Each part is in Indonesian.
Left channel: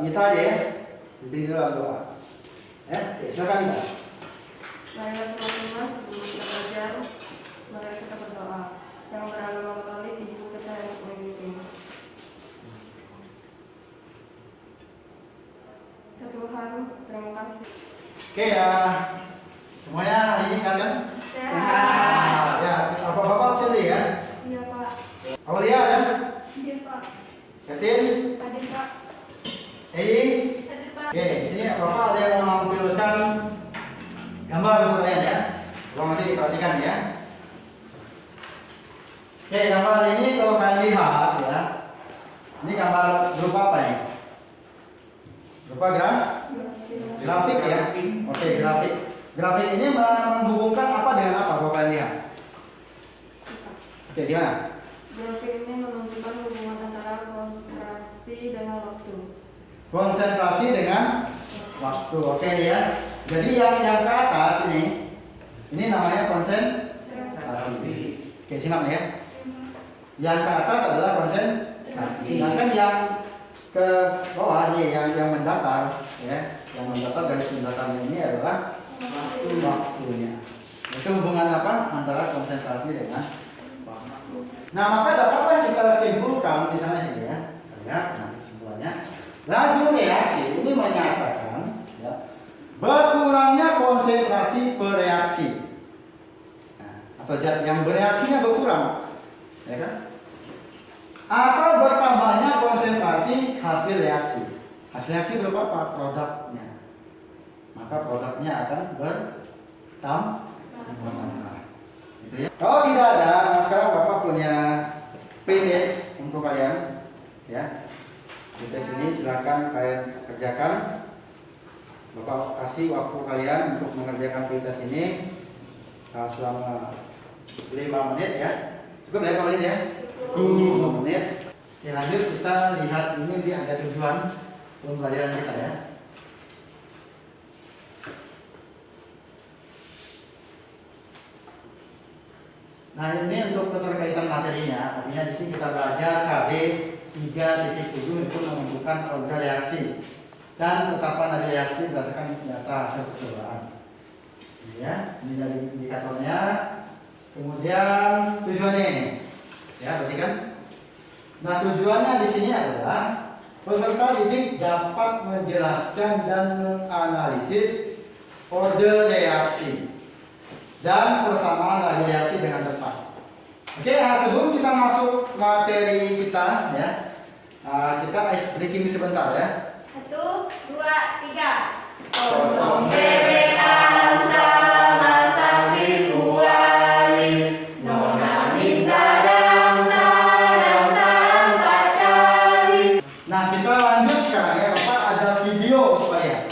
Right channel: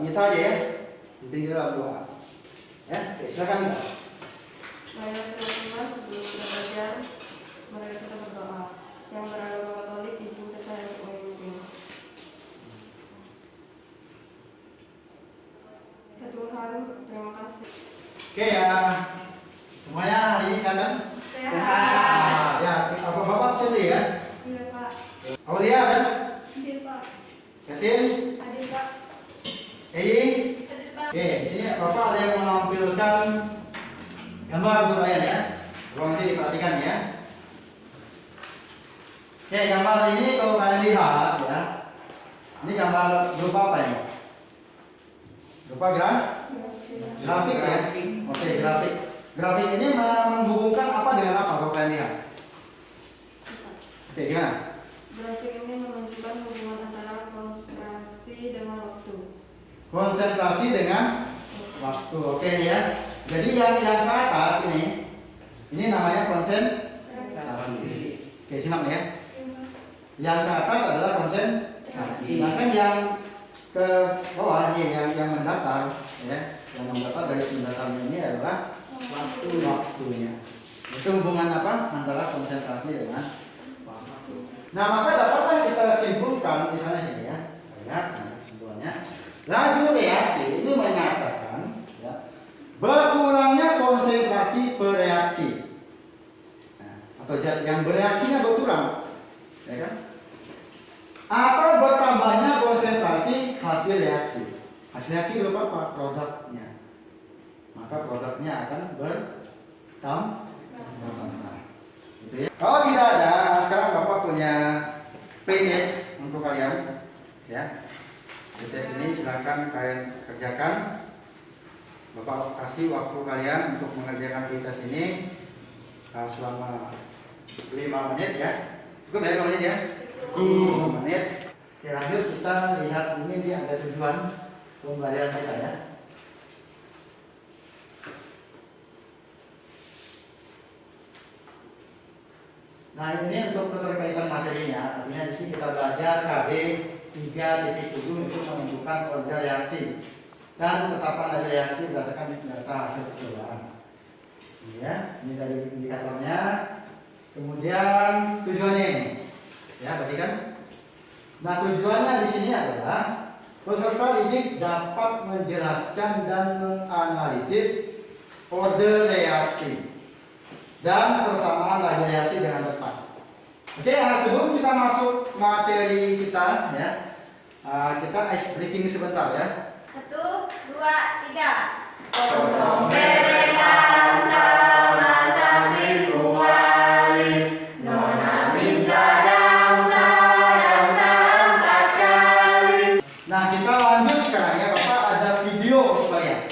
kita aja ya. Bimbing dalam doa. Ya, oke, silakan Mbak. Marilah kita semua sebelum kita belajar, mari kita berdoa. Yang beragama Katolik izinkan saya untuk mengikuti. Ya Tuhan, terima kasih. Oke ya, semuanya hari ini sehat kan? Sehat. Ya, bapak-bapak sini ya. Iya Pak. Aulia ada? Iya Pak. Katin? Hadir Pak. Ei? Hadir Pak. Oke, di sini bapak ada yang mau menampilkan gambar untuk kalian ya. Tolong nanti diperhatikan ya. Oke, gambar ini kalau kalian lihat ya, ini gambar berupa apa ya? Berupa grafik ya. Oke, grafik. Grafik ini menghubungkan apa dengan apa kalau kalian lihat? Oke, gimana? Grafik ini menunjukkan hubungan antara konsentrasi dengan waktu. Konsentrasi dengan waktu. Oke nih ya. Jadi yang ke atas ini namanya konsentrasi. Oke, simak nih ya. Yang ke atas adalah konsentrasi. Sedangkan yang ke bawah ini yang mendatar ya. Yang mendatar dari mendatarnya ini adalah waktunya. Itu hubungan apa antara konsentrasi dengan waktu. Nah, maka dapatlah kita simpulkan misalnya sini ya. Lihat, nah kesimpulannya. Laju reaksi ini menyatakan ya, berkurangnya konsentrasi per reaksi. Nah, atau yang bereaksinya berkurang, ya kan? Atau bertambahnya konsentrasi hasil reaksi. Hasil reaksi berupa apa? Produknya. Maka produknya akan bertambah. Gitu ya. Kalau tidak ada, nah sekarang Bapak punya pretest untuk kalian, ya. Pretest ini silakan kalian kerjakan. Bapak kasih waktu kalian untuk mengerjakan pretest ini selama 5 menit ya. Cukup ya 5 menit ya? 5 menit. Oke, lanjut kita lihat ini dia ada tujuan pembelajaran kita ya. Nah, ini untuk keterkaitan materinya. Artinya di sini kita belajar KB 3.7 untuk menentukan order reaksi dan ketetapan reaksi berdasarkan data hasil percobaan. Ya, ini dari indikatornya. Kemudian tujuannya ini, ya, perhatikan. Nah, tujuannya di sini adalah peserta didik dapat menjelaskan dan menganalisis order reaksi dan persamaan laju reaksi dengan tepat. Oke, sebelum kita masuk materi kita, ya, kita ice breaking sebentar ya. 1, 2, 3. Pemberikan sama sakit kuali, nona minta dansa empat kali. Nah, kita lanjut sekarang ya, Bapak ada video supaya.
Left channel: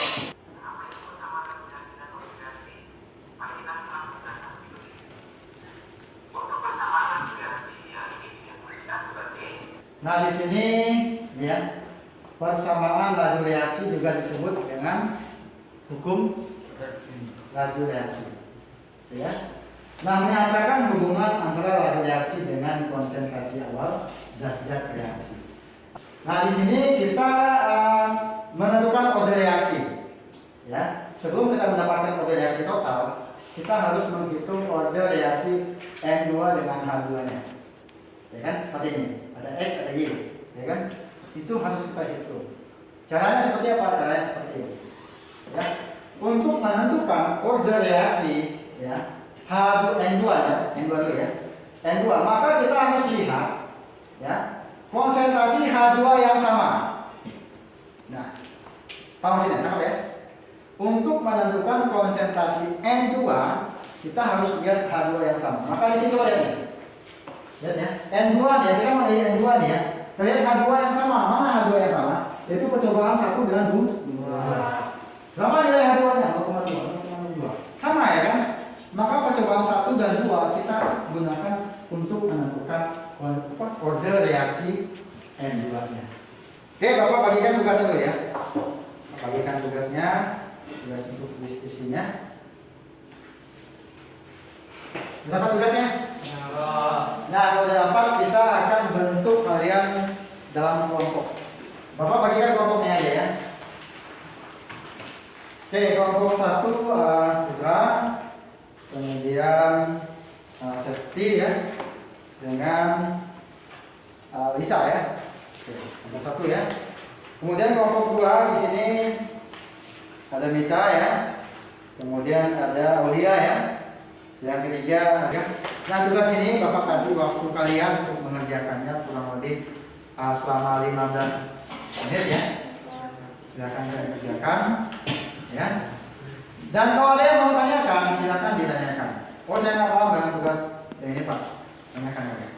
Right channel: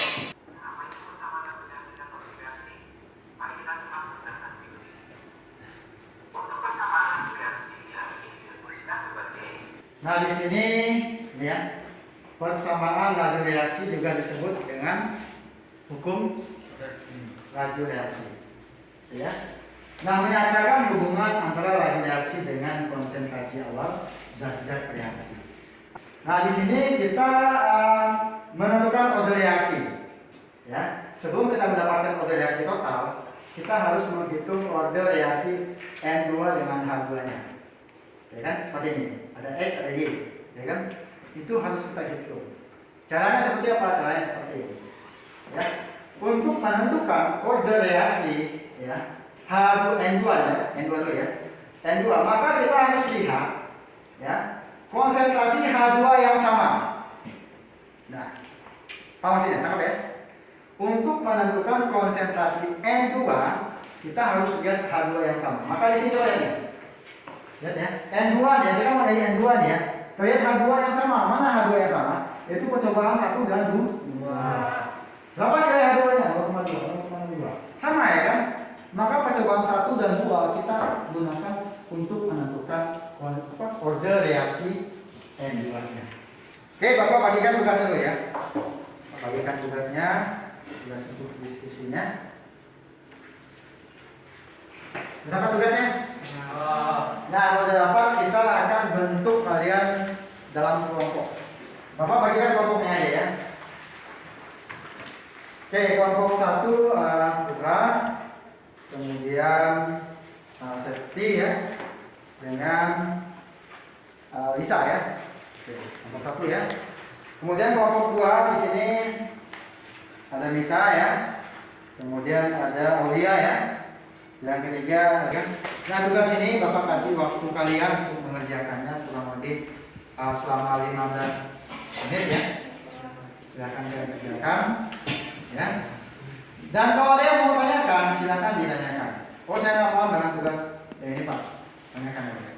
Nah, di sini ya, persamaan laju reaksi juga disebut dengan hukum laju reaksi. Ya. Nah, menyatakan hubungan antara laju reaksi dengan konsentrasi awal zat-zat reaksi. Nah, di sini kita menentukan order reaksi. Ya, sebelum kita mendapatkan order reaksi total, kita harus menghitung order reaksi N2 dengan H2-nya. Ya kan? Seperti ini. Ada X, ada Y. Ya kan? Itu harus kita hitung. Caranya seperti apa? Caranya seperti ini. Ya. Untuk menentukan order reaksi, ya, H2N2 ya, N2 dulu ya. N2, maka kita harus lihat ya, konsentrasi H2 yang sama. Nah, apa maksudnya? Tangkap ya. Untuk menentukan konsentrasi N2, kita harus lihat H2 yang sama. Maka di sini coba lihat. Lihat ya. N2 ya, kita mau dari N2 nih ya. Kita lihat H2 yang sama. Mana H2 yang sama? Yaitu percobaan 1 dengan 2. Berapa nilai H2-nya? 2,2. Sama ya kan? Maka percobaan 1 dan 2 kita gunakan untuk menentukan order reaksi N2-nya. Oke, Bapak bagikan tugasnya dulu ya. Bapak bagikan tugasnya, tugas untuk diskusinya. Dapat tugasnya? Nah, kalau udah dapat, kita akan bentuk kalian dalam kelompok. Bapak bagikan kelompoknya aja ya. Oke, kelompok 1 Putra, kemudian Septi ya, dengan Lisa ya. Oke, kelompok 1 ya. Kemudian kelompok 2 di sini ada Mita ya. Kemudian ada Aulia ya. Yang ketiga, nah tugas ini Bapak kasih waktu kalian untuk mengerjakannya kurang lebih selama 15 menit ya. Silakan kalian kerjakan ya. Dan kalau ada yang mau tanyakan, silakan ditanyakan. Oh saya nggak paham dengan tugas ini Pak, tanyakan ya.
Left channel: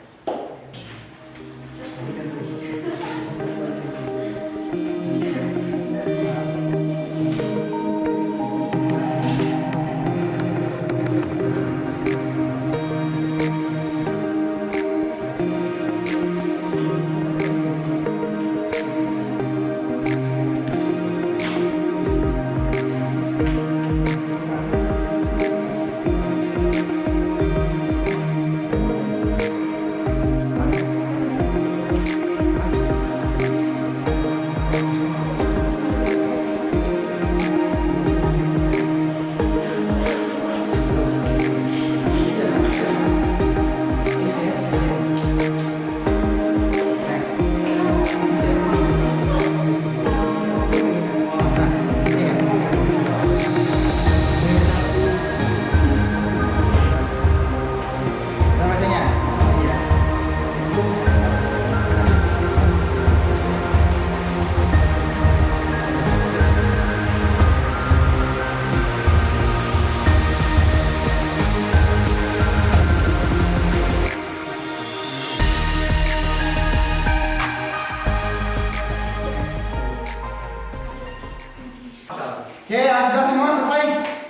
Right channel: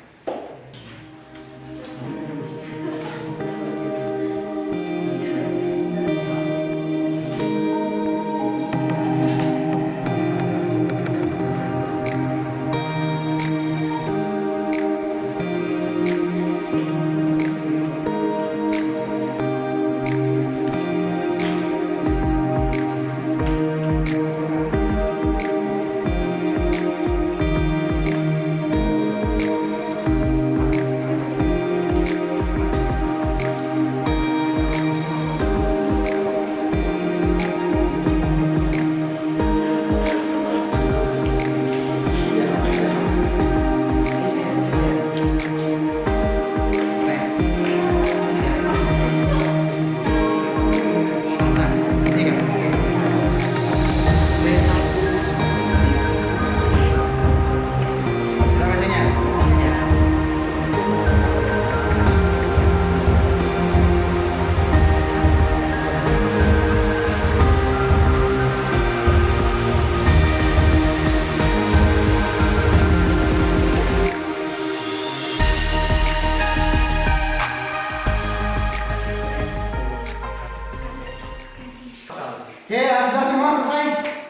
Oke, sudah semua selesai?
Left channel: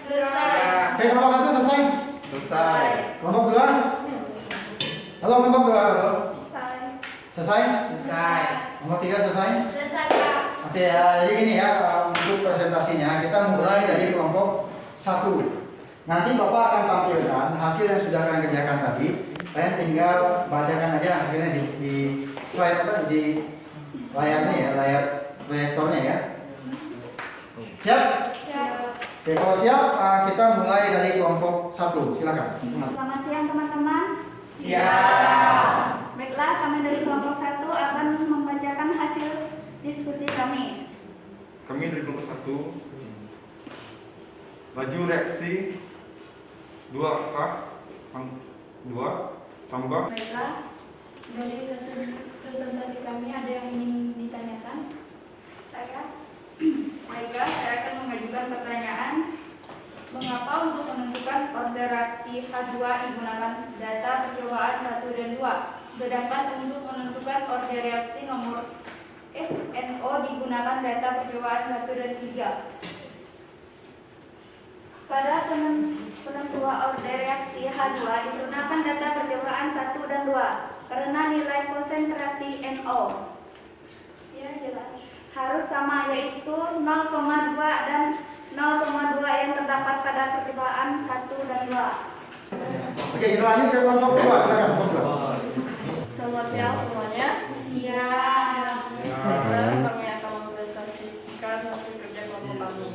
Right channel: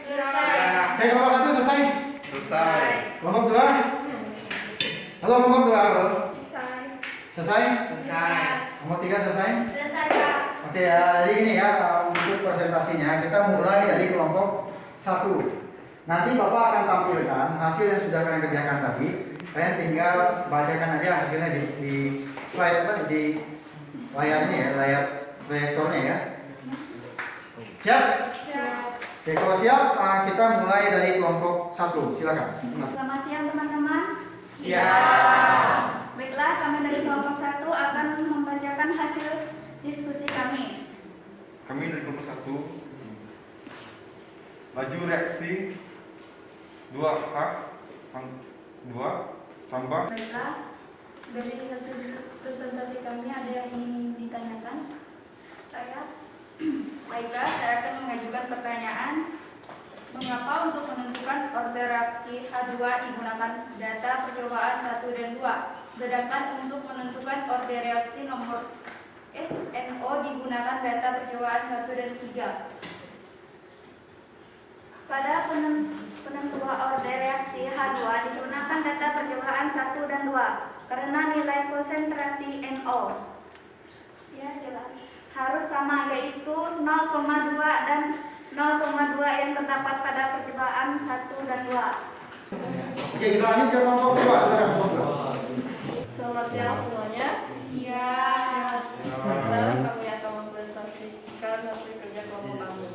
Selesai. Oke, kelompok 1 selesai? Selesai. Kelompok 2? Halo, kelompok 2, halo. Selesai? Selesai. Kelompok 3 selesai? Selesai, Pak. Oke, jadi ini ya untuk presentasinya kita mulai dari kelompok 1. Nanti Bapak akan tampilkan hasil yang sudah kalian kerjakan tadi. Kalian tinggal bacakan aja hasilnya di slide apa di layarnya ya, layar proyektornya ya. Siap? Oke, kalau siap kita mulai dari kelompok 1. Silakan. Selamat siang teman-teman. Siap. Baiklah, kami dari kelompok 1 akan membacakan hasil diskusi kami. Kami dari kelompok 1 laju reaksi 2 kap 2 tambah. Baiklah, dari hasil presentasi kami ada yang ingin ditanyakan? Saya. Baiklah, saya akan mengajukan pertanyaan. Mengapa untuk menentukan order reaksi H2 digunakan data percobaan 1 dan 2, sedangkan untuk menentukan order reaksi nomor NO digunakan data percobaan 1 dan 3? Pada penentuan order reaksi H2 digunakan data percobaan 1 dan 2 karena nilai konsentrasi NO ya jelas harus sama, yaitu 0,2 dan 0,2 yang terdapat pada percobaan 1 dan 2. Oke, kita lanjut ke kelompok 2. Silakan kelompok 2. Selamat siang semuanya. Siap. Sekarang kami akan mempresentasikan hasil kerja kelompok kami.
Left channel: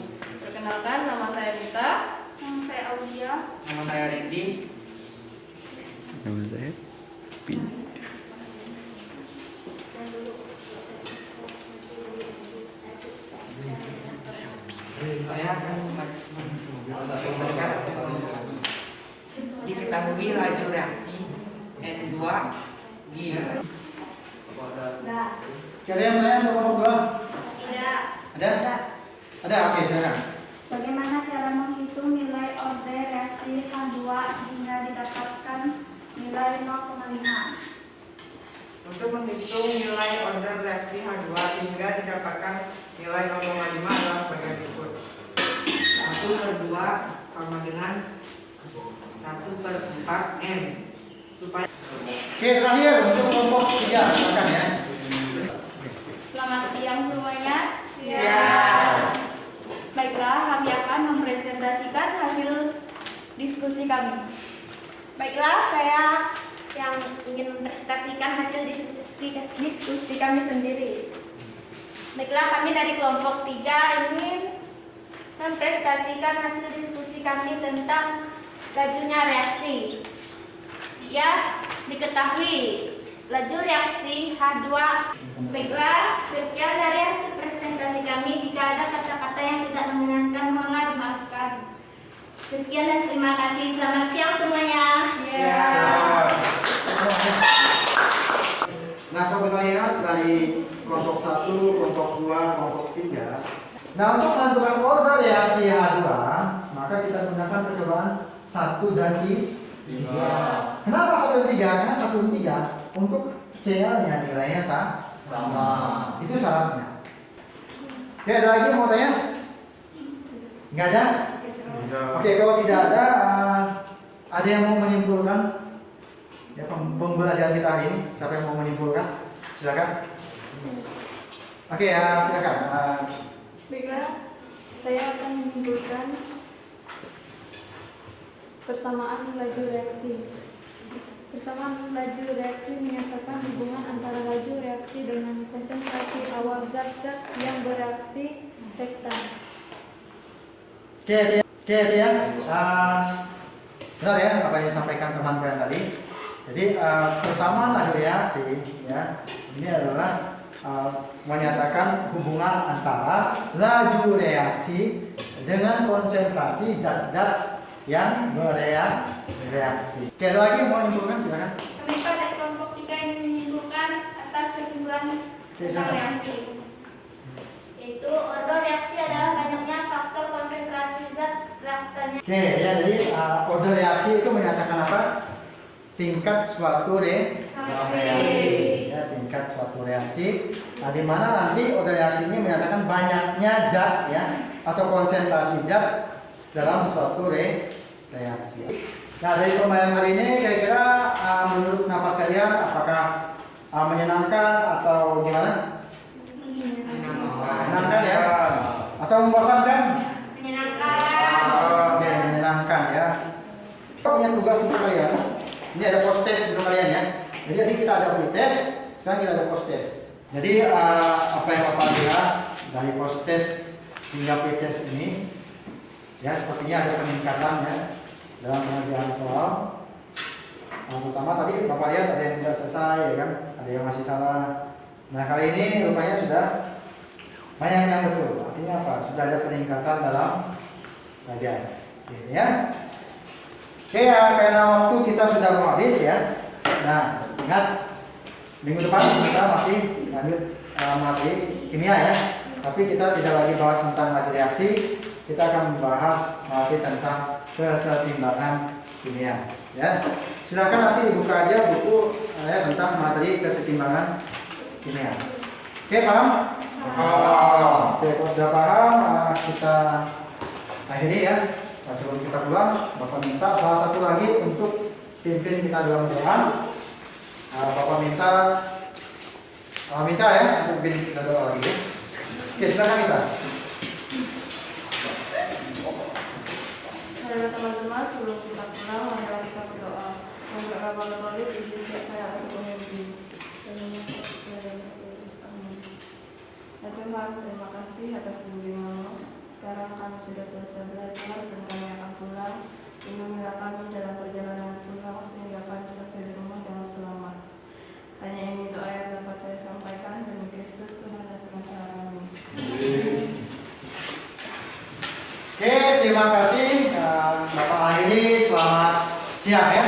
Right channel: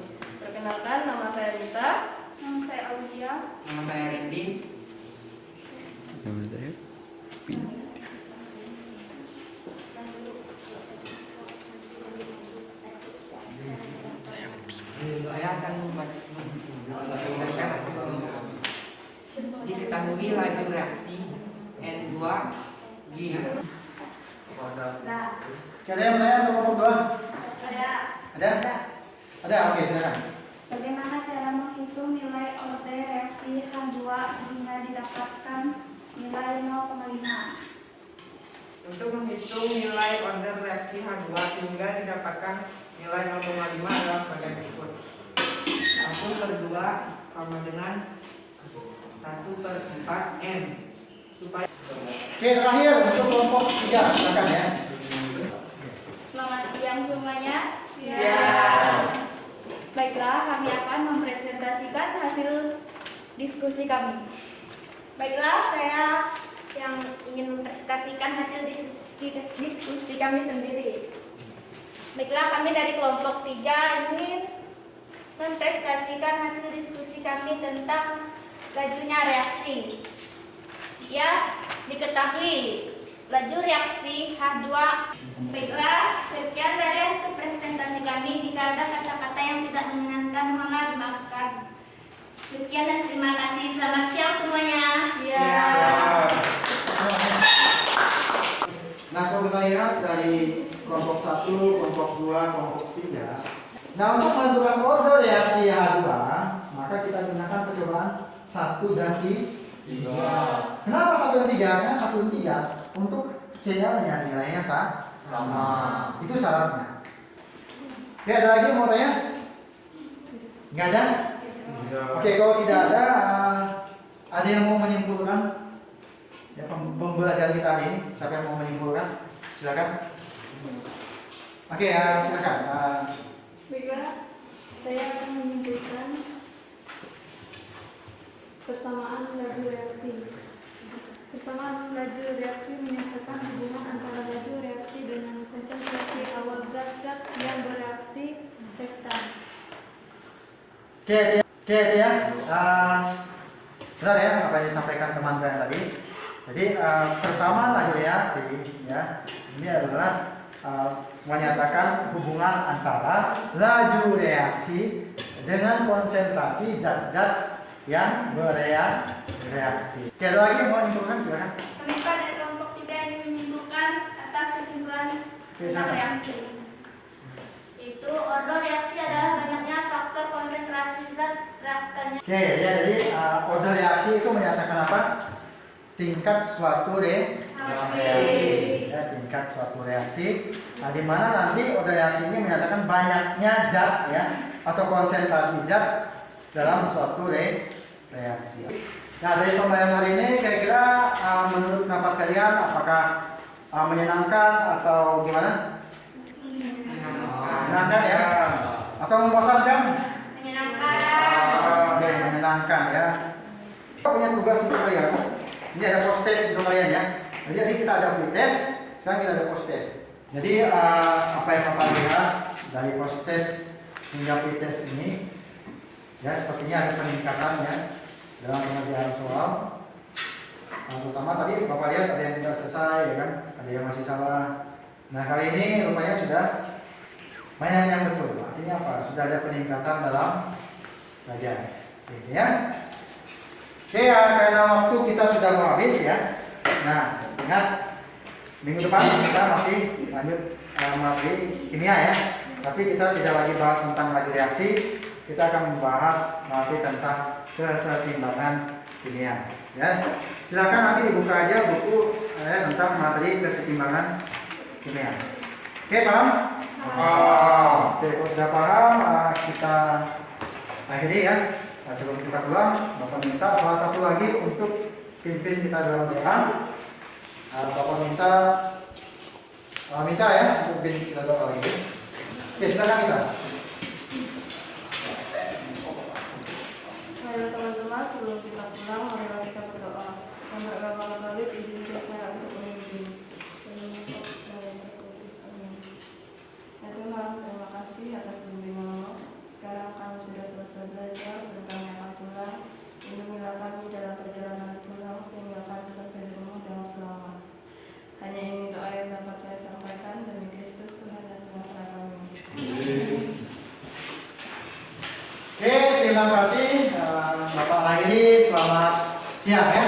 Perkenalkan, nama saya Mita. Yang saya Aulia. Nama saya Randy. Nama saya Pin. Saya akan membacakan hasil kelompok kami. Diketahui laju reaksi N2 di Nah, Oke, ada yang bertanya untuk kelompok 2? ada. Ada? Ada, oke silakan. Bagaimana cara menghitung nilai order reaksi H2 hingga didapatkan nilai 0,5? Untuk menghitung nilai order reaksi H2 hingga didapatkan nilai 0,5 adalah sebagai berikut. 1/2 sama dengan 1/4 M. Supaya Oke, terakhir untuk kelompok 3. Silakan ya. Selamat siang semuanya. Siap. Baiklah, kami akan mempresentasikan hasil diskusi kami. Baiklah, saya yang ingin mempresentasikan hasil diskusi kami sendiri. Baiklah, kami dari kelompok 3 ingin mempresentasikan hasil diskusi kami tentang lajunya reaksi. Ya, diketahui laju reaksi H2. Baiklah, sekian dari hasil presentasi kami. Jika ada kata-kata yang tidak menyenangkan, mohonlah dimaafkan. Sekian dan terima kasih. Selamat siang semuanya. Ya. Nah, kalau kita lihat dari kelompok 1, kelompok 2, kelompok 3. Nah, untuk menentukan order reaksi H2, maka kita gunakan percobaan 1 dan 3. Kenapa 1 dan 3? Karena 1 dan 3 untuk C-nya nilainya sama. Itu syaratnya. Oke, ada lagi yang mau tanya? Nggak ada? Oke, kalau tidak ada yang mau menyimpulkan ya pembelajaran kita hari ini? Siapa yang mau menyimpulkan? Silakan. Oke, silakan. Baiklah, saya akan menyimpulkan persamaan laju reaksi. Persamaan laju reaksi menyatakan hubungan antara laju reaksi dengan konsentrasi awal zat-zat yang bereaksi rektan. Oke, ya. Benar ya apa yang disampaikan teman kalian tadi. Jadi persamaan laju reaksi ya ini adalah menyatakan hubungan antara laju reaksi dengan konsentrasi zat-zat yang bereaksi. Oke, ada lagi yang mau menyimpulkan? Silakan. Kami pada kelompok 3 yang menentukan atas kesimpulan silakan. reaksi. Itu order reaksi adalah banyaknya faktor konsentrasi zat reaktannya. Oke, ya jadi order reaksi itu menyatakan apa? Tingkat suatu reaksi. Ya, tingkat suatu reaksi. Nah, di mana nanti order reaksi ini menyatakan banyaknya zat ya atau konsentrasi zat dalam suatu reaksi. Nah, dari pembelajaran hari ini kira-kira menurut pendapat kalian apakah menyenangkan atau gimana? Menyenangkan ya? Atau membosankan? Menyenangkan. Oke, menyenangkan ya. Kita punya tugas untuk kalian. Ini ada post test untuk kalian ya. Jadi kita ada pre-test, sekarang kita ada post test. Jadi apa yang Bapak lihat dari post test hingga pre-test ini, ya sepertinya ada peningkatan ya dalam pengerjaan soal. Terutama tadi Bapak lihat ada yang tidak selesai, ya kan? Ada yang masih salah. Nah, kali ini rupanya sudah banyak yang betul. Artinya apa? Sudah ada peningkatan dalam belajar. Oke, ya. Oke ya, karena waktu kita sudah mau habis ya. Nah, ingat minggu depan kita masih lanjut materi kimia ya. Tapi kita tidak lagi bahas tentang laju reaksi. Kita akan membahas materi tentang kesetimbangan kimia. Ya, silakan nanti dibuka aja buku tentang materi kesetimbangan kimia. Oke, paham? Oke, kalau sudah paham, kita akhiri ya. Sebelum kita pulang, Bapak minta salah satu lagi untuk pimpin kita dalam doa. Bapak minta ya untuk pimpin kita doa lagi. Oke, silakan kita. Teman-teman, sebelum kita pulang, mari kita berdoa. Bismillahirrahmanirrahim. Izinkan saya untuk memimpin. Ya Tuhan, terima kasih atas bimbingan-Mu. Sekarang kami sudah selesai belajar dan kami akan pulang. Lindungilah kami dalam perjalanan pulang sehingga kami sampai di rumah dengan selamat. Hanya ini doa yang dapat saya sampaikan demi Kristus Tuhan dan Tuhan kami. Oke, terima kasih Bapak Airi. Selamat siang ya.